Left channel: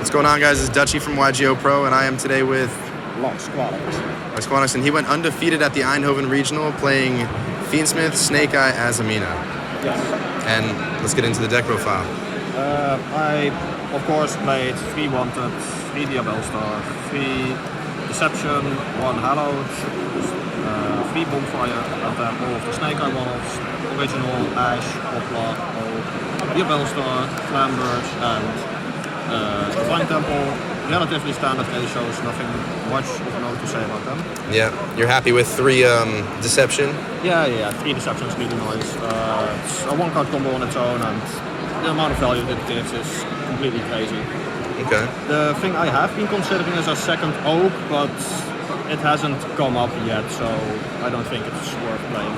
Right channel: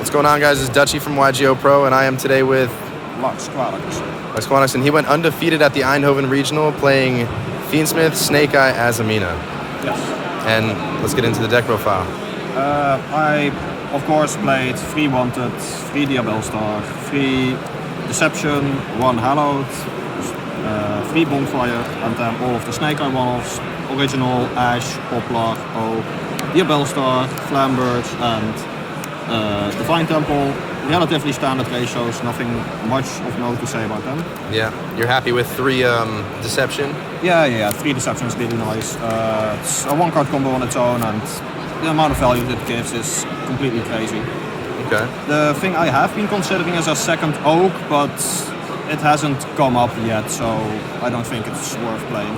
What's going on, guys? It's Dutchy from YGO Pro, and I am today with Lars, Quaedackers, and he went undefeated at the Eindhoven Regional playing Fiendsmith, Snake Eye, Azamina. Yes. And let's get into the deck profile. I, of course, played 3 Wanted, 3 Jaarbeursplein, 3 Deception, 1 Hallowed, 3 Bonfire, and then all of the Snake Eye one-offs, Original, Ash, Poplar, Jaarbeursplein, Flambirds, and Divine Temple. Relatively standard ratios, nothing much of note to say about them. Yeah, you're happy with 3 Deception? Yeah, 3 Deception is really nice. It's a 1-card combo on its own, and the amount of value that it gives is completely crazy. Okay. The thing I have been considering is a second Oak, but it hasn't come up yet, so I don't think it's worth playing.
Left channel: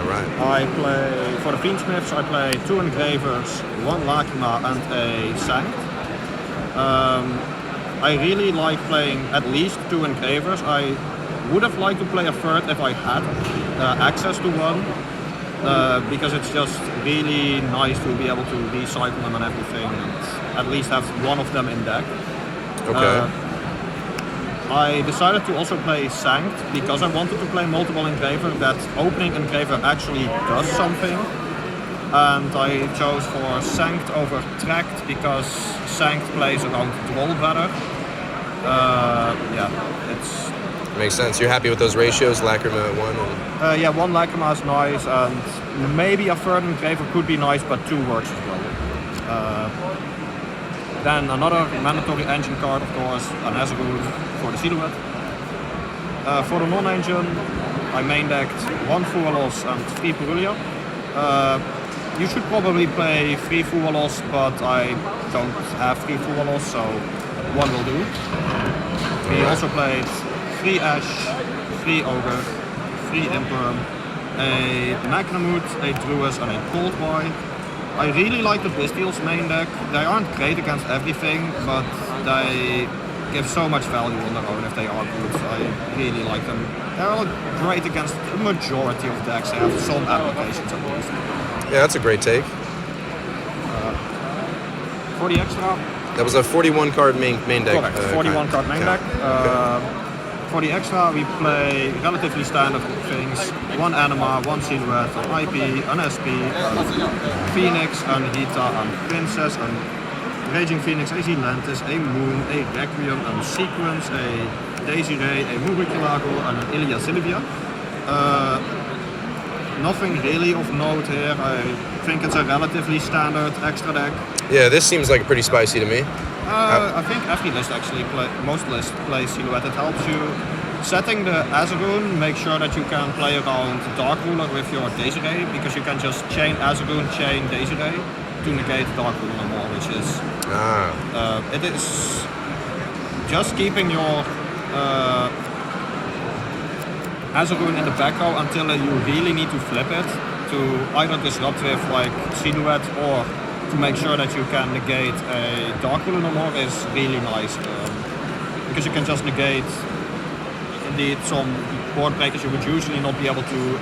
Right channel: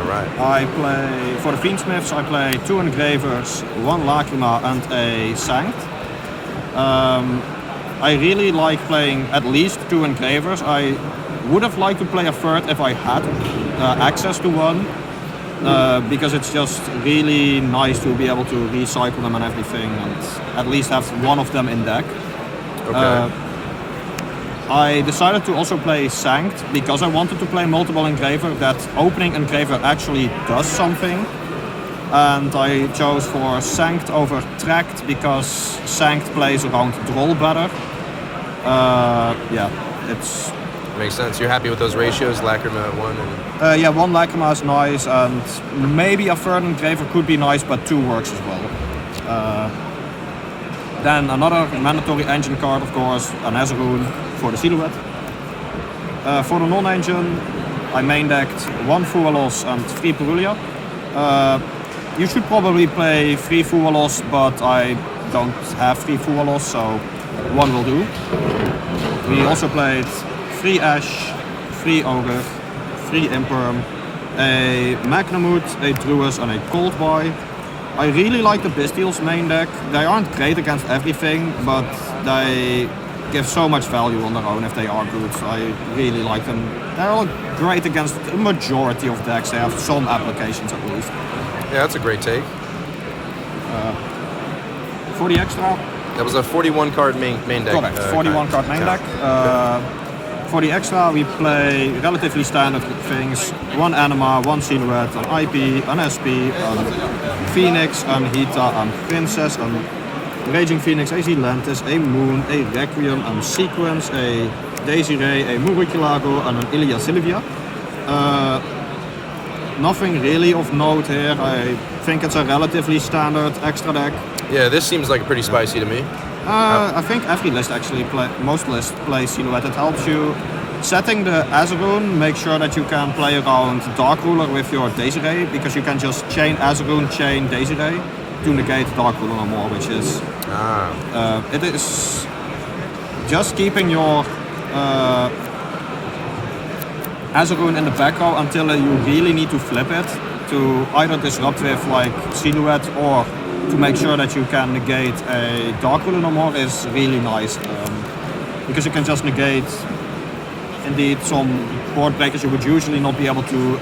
Alright. I play, for the Fiendsmiths, I play 2 Engravers, 1 Lacrima, and a Sanct. I really like playing at least 2 Engravers. I would have liked to play a third if I had access to one, because it's just really nice to be able to recycle them and everything, and at least have one of them in deck. Okay. I decided to also play Sanct because I wanted to play multiple Engraver. That opening Engraver actually does something. And I chose for Sanct over Tract because Sanct plays around Droll better. It's... Makes sense. You're happy with those ratios, Lacrima at 1? And... 1 Lacrima is nice, and maybe a third Engraver could be nice, but 2 works as well. Then another mandatory engine card, of course, an Azarun for the Silhouette. For the non-engine, I main decked 1 Fualos and 3 Perulia. You should probably play 3 Fualos, but I don't have 3 Fualos, so 1 will do. We also played 3 Ash, 3 Ogre, 3 Imperm, a Magnamut, a Druis, and a Cold Boy. I really like the Bystials main deck. They aren't great against everything, but they give so much value on their own if they are good. I really like them. They're all great against the majority of decks. They have some applications at least. Yeah, that's a great take. For the extra... That was a 41 card main deck. Correct, 41 card main deck. For the extra we play relatively standard things. 1 Anima, 1 Silhouette, an IP, an SP, Phoenix, an Hita, an Princess, an Raging Phoenix, a Zilantis, a Moon, a Requiem, a Sequence, a Desiree, a Muriculago, and an Ilia Sylvia. Nothing really of note here. I think it's a relatively standard extra deck. Yeah, this seems like pretty spicy to me. I think every list actually, most lists play Silhouette. It helps you setting the Azarun, make sure that you can play around Dark Ruler with your Desiree, because you can just chain Azarun, chain Desiree to negate Dark Ruler or more, which is... it is just keeping your Azarun in the back row until you really need to flip it to either disrupt with like Silhouette or to make sure that you can negate a Dark Ruler no more is really nice, because you can just negate indeed some board breakers you would usually not be able to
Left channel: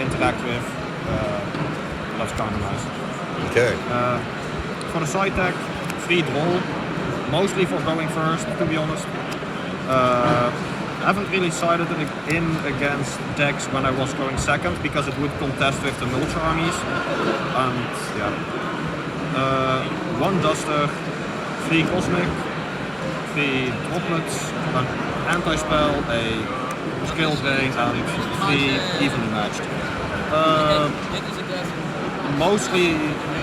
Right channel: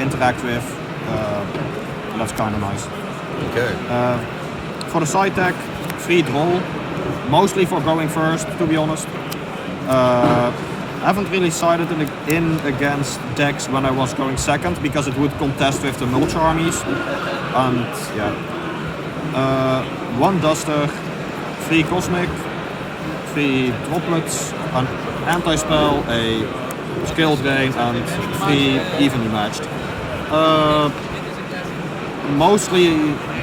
interact with. That's kind of nice. Okay. For the side deck, 3 Droll, mostly for going first, to be honest. I haven't really sided in against decks when I was going second because it would contest with the Mulch armies. And yeah. 1 Duster, 3 Cosmic, 3 Droplets, an Anti-Spell, a Skill Drain, and 3 evenly matched.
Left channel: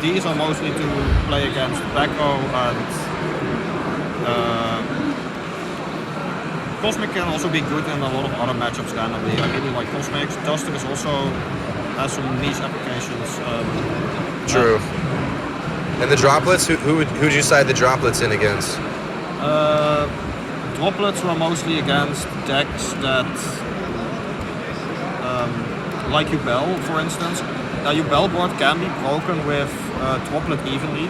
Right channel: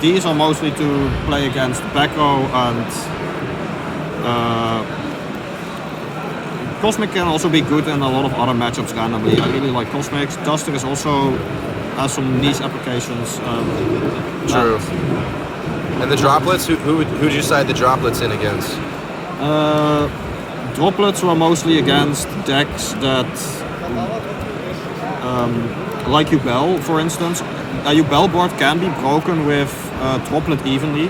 These are mostly to play against back row, and Cosmic can also be good in a lot of other matchups randomly. I really like Cosmics. Duster is also has some niche applications. True. And the Droplets, who would you side the Droplets in against? Droplets were mostly against decks that, like Ubel, for instance. A Ubel board can be broken with Droplet evenly.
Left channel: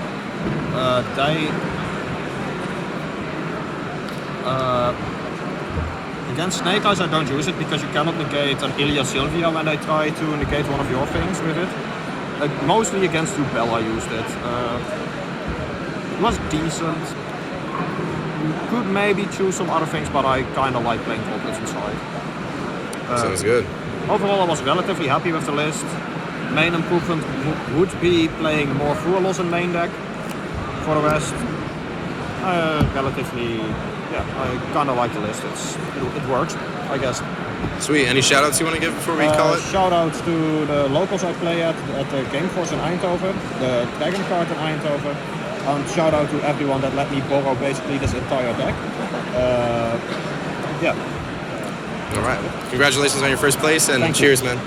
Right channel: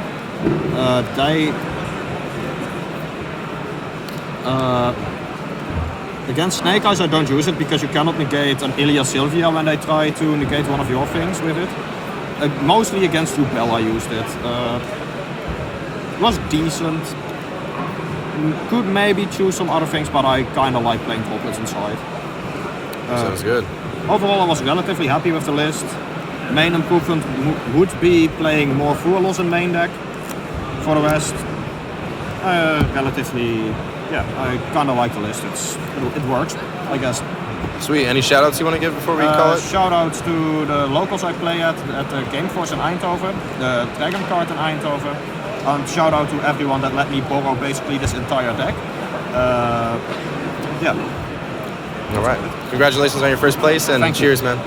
Against Snake Eyes I don't use it because you cannot negate an Ilia Sylvia when they try to negate one of your things with it. Mostly against Ubel I used it. It was decent. Could maybe choose some other things, but I kind of like playing toolkits inside. Sounds good. Overall, I was relatively happy with the list. Main improvement would be playing more Furlos in main deck. For the rest, relatively, yeah, I kind of like the list. It works, I guess. Sweet. Any shout outs you want to give before we call it? Shout outs to the locals I play at the Gameforce in Eindhoven, the Dragon Card in Eindhoven. And shout out to everyone that let me borrow basically this entire deck. Yeah. All right. Congratulations on your first place and Thank you. cheers, man.